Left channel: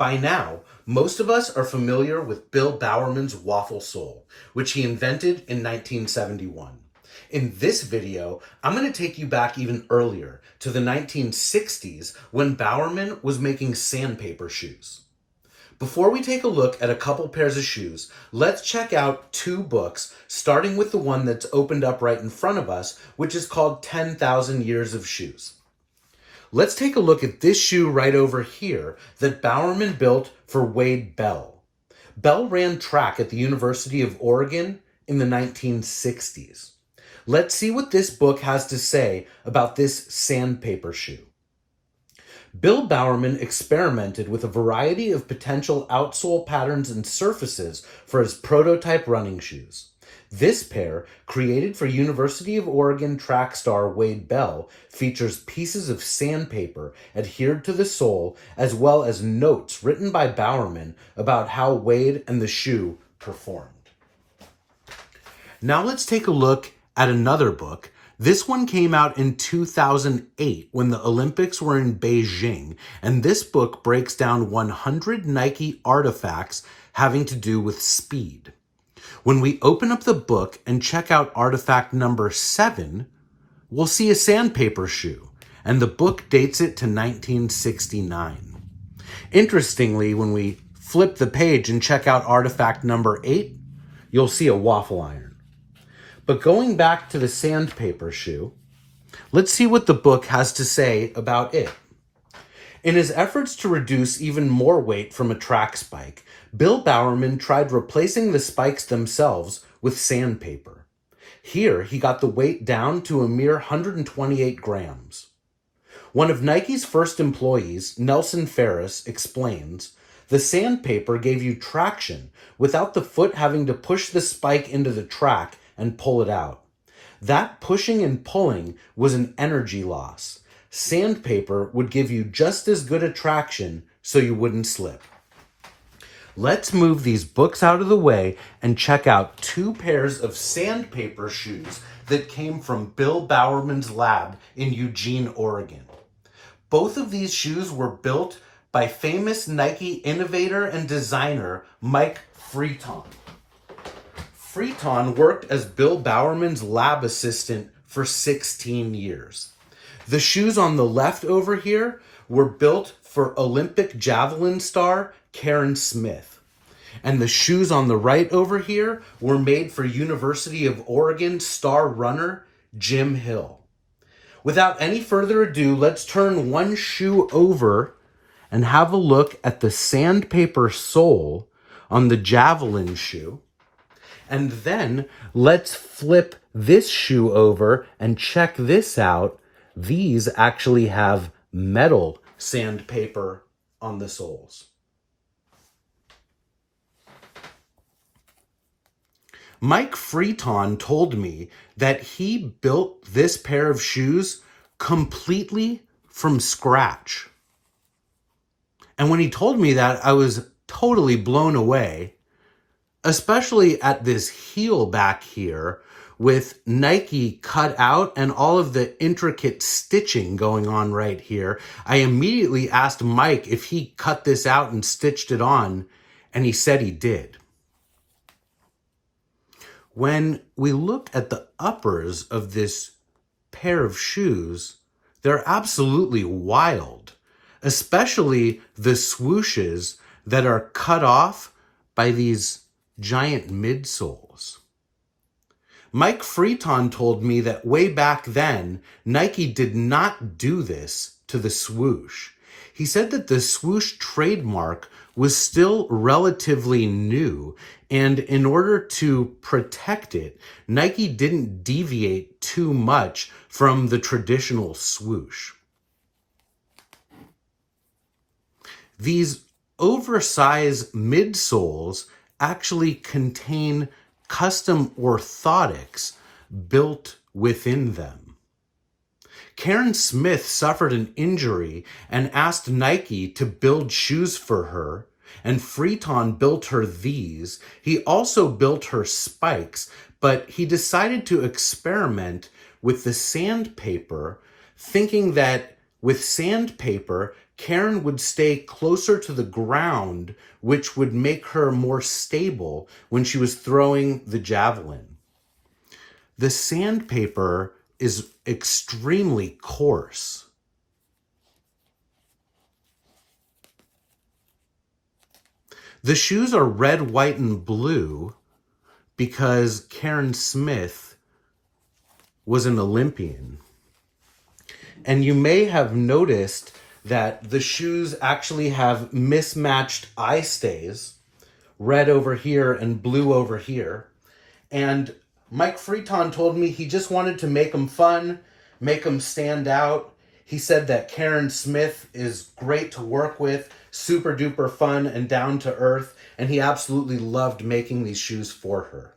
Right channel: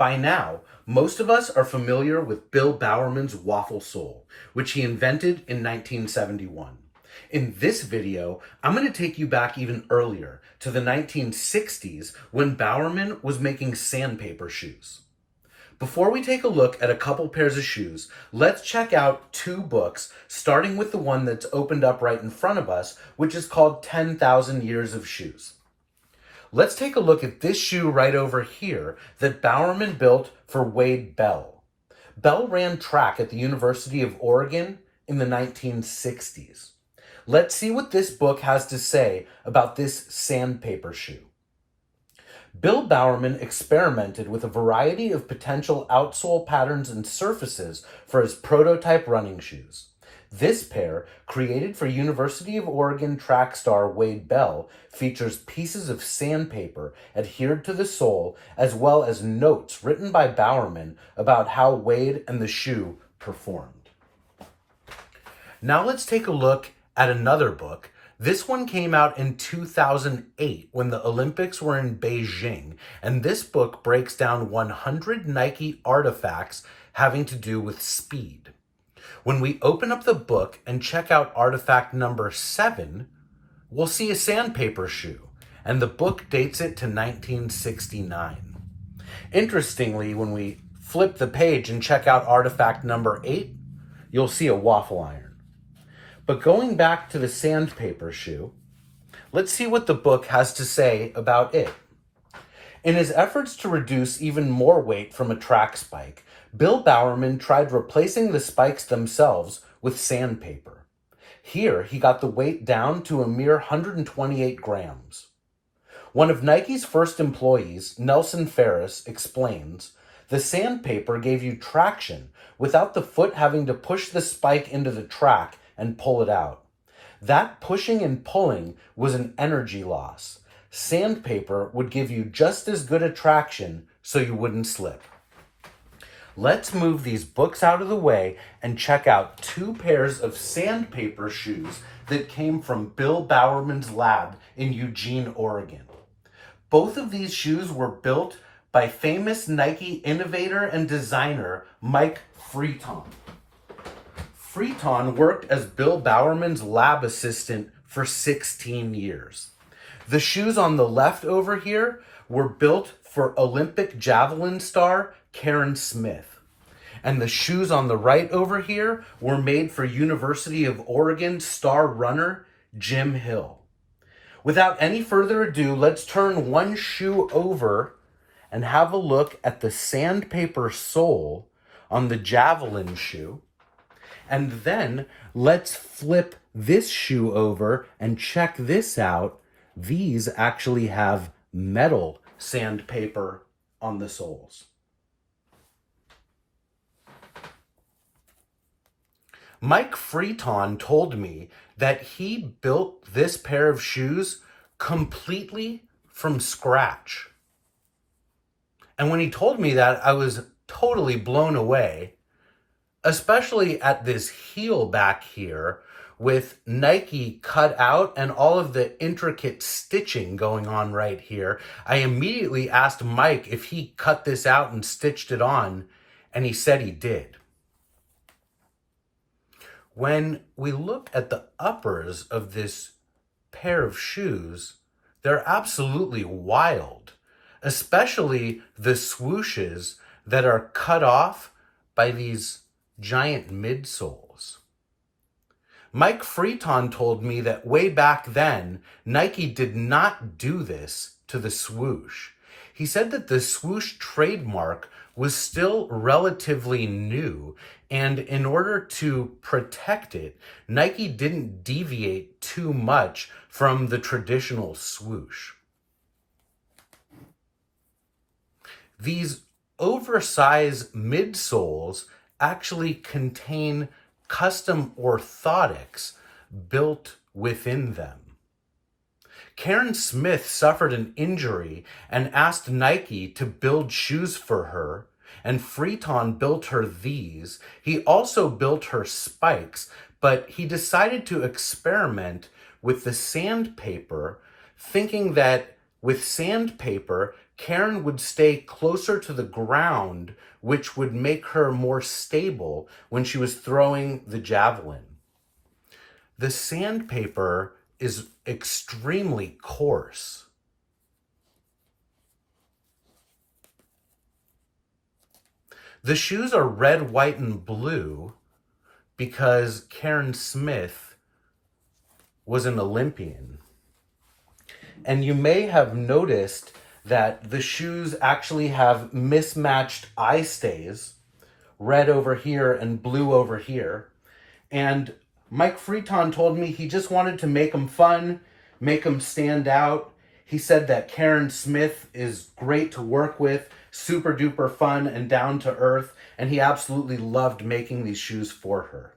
By now, most of us are familiar with Bill Bowerman's waffle sole, which he invented in 1971. In this video, I'm going to take you back even earlier to the 1960s when Bowerman was making sandpaper shoes. Before we take a look at a couple pairs of shoes, let's check out two books, starting with the one that's opened up right in front of us, which is called 10,000 Years of Shoes. Let's take a look at this shoe right over here that Bowerman built for Wade Bell. Bell ran track at the University of Oregon in the 1960s. Let's see what this book has to say about this sandpaper shoe. Bill Bowerman experimented with a variety of potential outsole patterns and surfaces for his prototype running shoes. This pair, created for University of Oregon track star Wade Bell, features pieces of sandpaper adhered to the sole, as well as notes written by Bowerman about how Wade and the shoe performed. Now let's take a look at another book. This one came out in 2008 when the Olympics were in Beijing, and this book breaks down 100 Nike artifacts having to do with speed. When we open up the book and check out artifact number 7, we'll see a sandpaper shoe, and the book dates it to 1969. Interestingly, when we flip the page and check out artifact number 8, you'll see a waffle iron. But going back to the sandpaper shoe, let's see what the book has to say about it. In his efforts to reduce even more weight from a track spike, Bill Bowerman tried replacing the spikes themselves with sandpaper. Here, he got the weight down to a mere 128 grams. One of Nike's first employees, Nelson Ferris, explains, "The sandpaper gave you traction without the foot having to push the spike into the track and pull it out. That pushing and pulling was an energy loss. Sandpaper would give you just as good a traction so you wouldn't slip." Let's move these books out of the way and check out two pairs of sandpaper shoes that came from Bill Bowerman's lab in Eugene, Oregon. Both of these shoes were built by famous Nike innovator and designer Mike Freton. Freton worked as Bill Bowerman's lab assistant for 16 years. The shoes on the left over here were built for Olympic javelin star Karen Smith. And the shoes on the right over here were made for University of Oregon star runner Jim Hill. Without any further ado, let's turn one shoe over and have a look at the sandpaper sole on the javelin shoe. And then let's flip this shoe over and check this out. These actually have metal sandpaper on the soles. Mike Freton told me that he built this pair of shoes completely from scratch. And when he told me that, I was totally blown away, especially at this heel back here with Nike cut out and all of the intricate stitching going on right here. I immediately asked Mike if he cut this out and stitched it on, and he said he did. When we look at the uppers of this pair of shoes, they're absolutely wild, especially the swooshes that are cut off by these giant midsoles. Mike Freton told me that way back then, Nike did not do this to the swoosh. He said that the swoosh trademark was still relatively new, and in order to protect it, Nike didn't deviate too much from the traditional swoosh. These oversized midsoles actually contain custom orthotics built within them. Karen Smith suffered an injury and asked Nike to build shoes for her, and Freton built her these. He also built her spikes, but he decided to experiment with the sandpaper, thinking that with sandpaper, Karen would stay closer to the ground, which would make her more stable when she was throwing the javelin. The sandpaper is extremely coarse. The shoes are red, white, and blue because Karen Smith was an Olympian. And you may have noticed that the shoes actually have mismatched eye stays, red over here and blue over here. And Mike Freeton told me he just wanted to make them fun, make them stand out. He said that Karen Smith is great to work with, super duper fun and down to earth, and he absolutely loved making these shoes for her.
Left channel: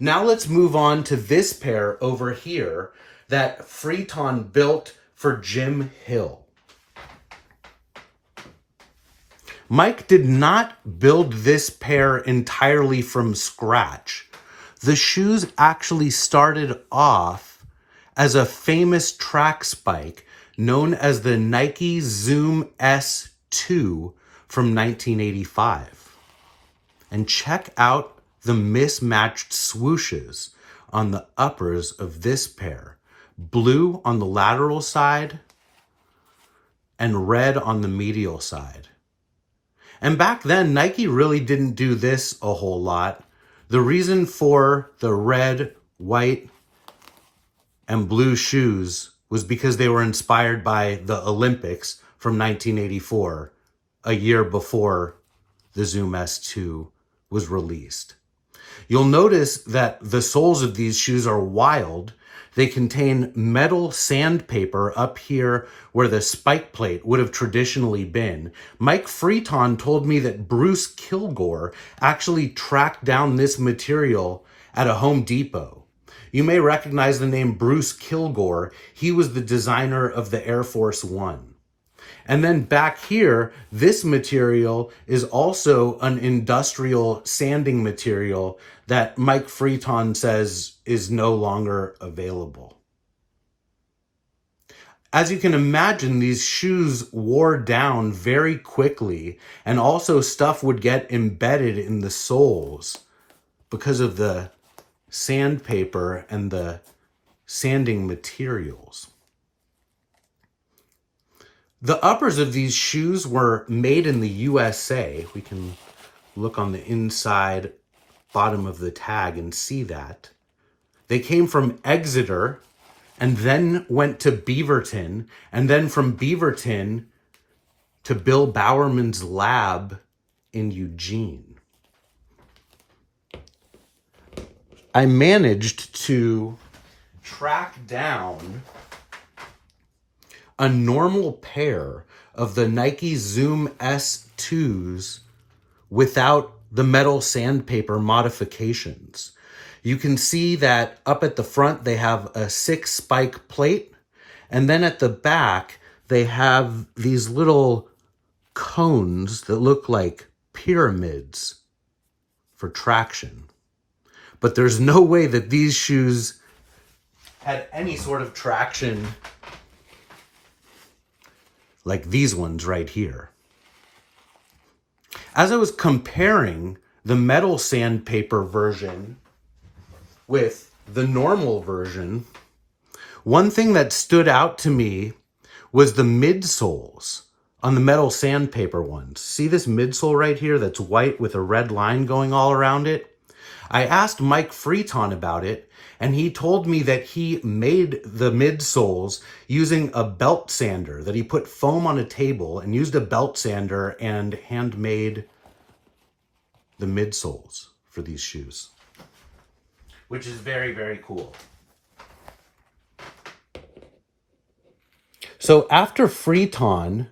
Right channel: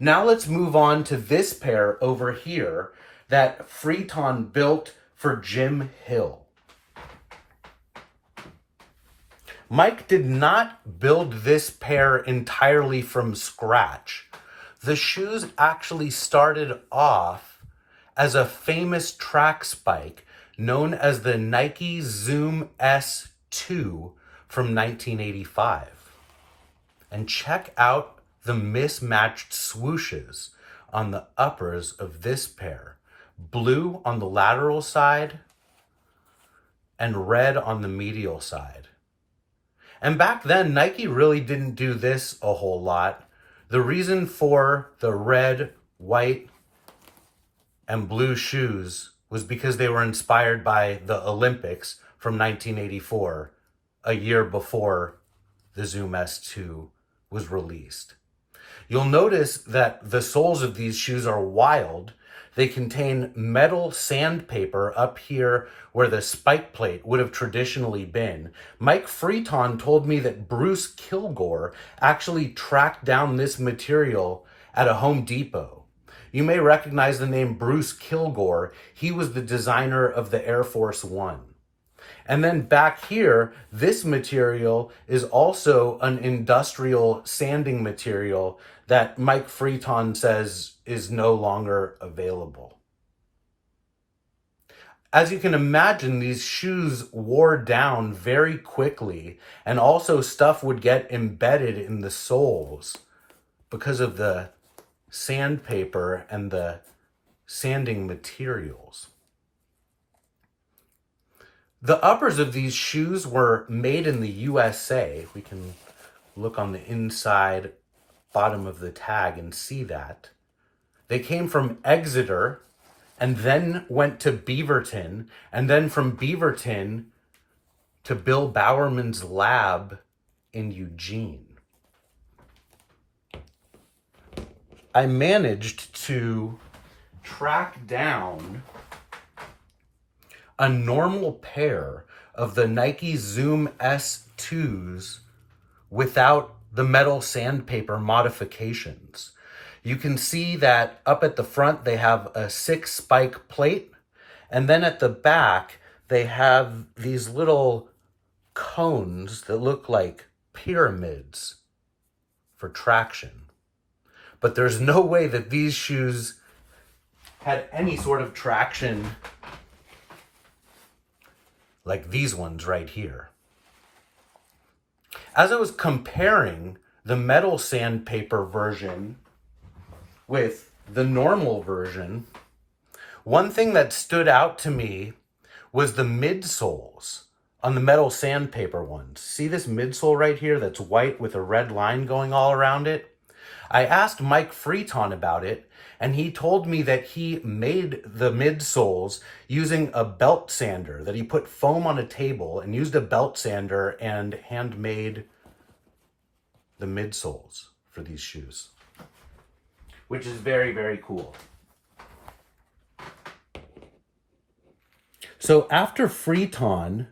Now let's move on to this pair over here that Freeton built for Jim Hill. Mike did not build this pair entirely from scratch. The shoes actually started off as a famous track spike known as the Nike Zoom S2 from 1985. And check out the mismatched swooshes on the uppers of this pair. Blue on the lateral side and red on the medial side. And back then, Nike really didn't do this a whole lot. The reason for the red, white, and blue shoes was because they were inspired by the Olympics from 1984, a year before the Zoom S2 was released. You'll notice that the soles of these shoes are wild. They contain metal sandpaper up here where the spike plate would have traditionally been. Mike Freeton told me that Bruce Kilgore actually tracked down this material at a Home Depot. You may recognize the name Bruce Kilgore. He was the designer of the Air Force One. And then back here, this material is also an industrial sanding material that Mike Freeton says is no longer available. As you can imagine, these shoes wore down very quickly, and also stuff would get embedded in the soles because of the sandpaper and the sanding materials. The uppers of these shoes were made in the USA. We can look on the inside bottom of the tag and see that. They came from Exeter and then went to Beaverton, and then from Beaverton to Bill Bowerman's lab in Eugene. I managed to track down a normal pair of the Nike Zoom S2s without the metal sandpaper modifications. You can see that up at the front they have a 6-spike plate, and then at the back they have these little cones that look like pyramids for traction. But there's no way that these shoes had any sort of traction like these ones right here. As I was comparing the metal sandpaper version with the normal version, one thing that stood out to me was the midsoles on the metal sandpaper ones. See this midsole right here that's white with a red line going all around it? I asked Mike Freeton about it, and he told me that he made the midsoles using a belt sander, that he put foam on a table and used a belt sander and handmade the midsoles for these shoes, which is very, very cool. So after Freeton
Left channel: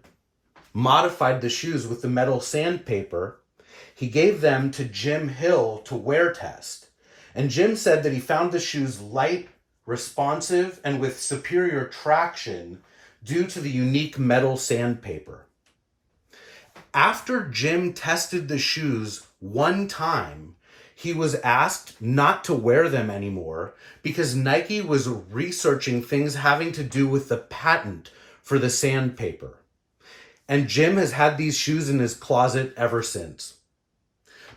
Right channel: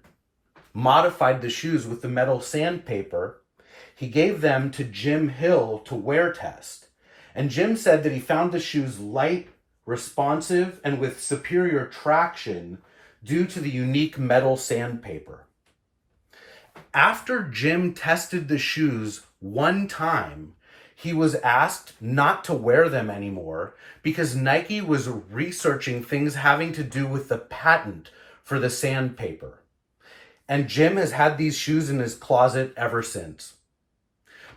modified the shoes with the metal sandpaper, he gave them to Jim Hill to wear test. And Jim said that he found the shoes light, responsive, and with superior traction due to the unique metal sandpaper. After Jim tested the shoes one time, he was asked not to wear them anymore because Nike was researching things having to do with the patent for the sandpaper. and Jim has had these shoes in his closet ever since.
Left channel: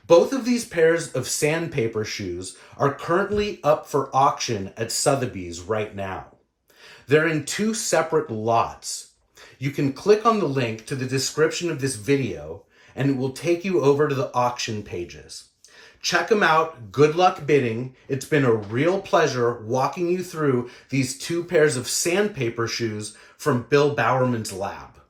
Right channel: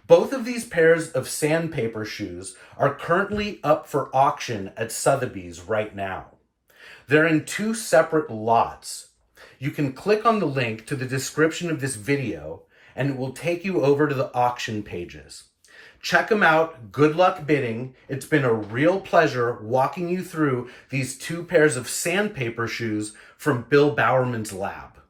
Both of these pairs of Sandpaper shoes are currently up for auction at Sotheby's right now. They're in 2 separate lots. You can click on the link to the description of this video and it will take you over to the auction pages. Check them out. Good luck bidding. It's been a real pleasure walking you through these 2 pairs of Sandpaper shoes from Bill Bowerman's lab.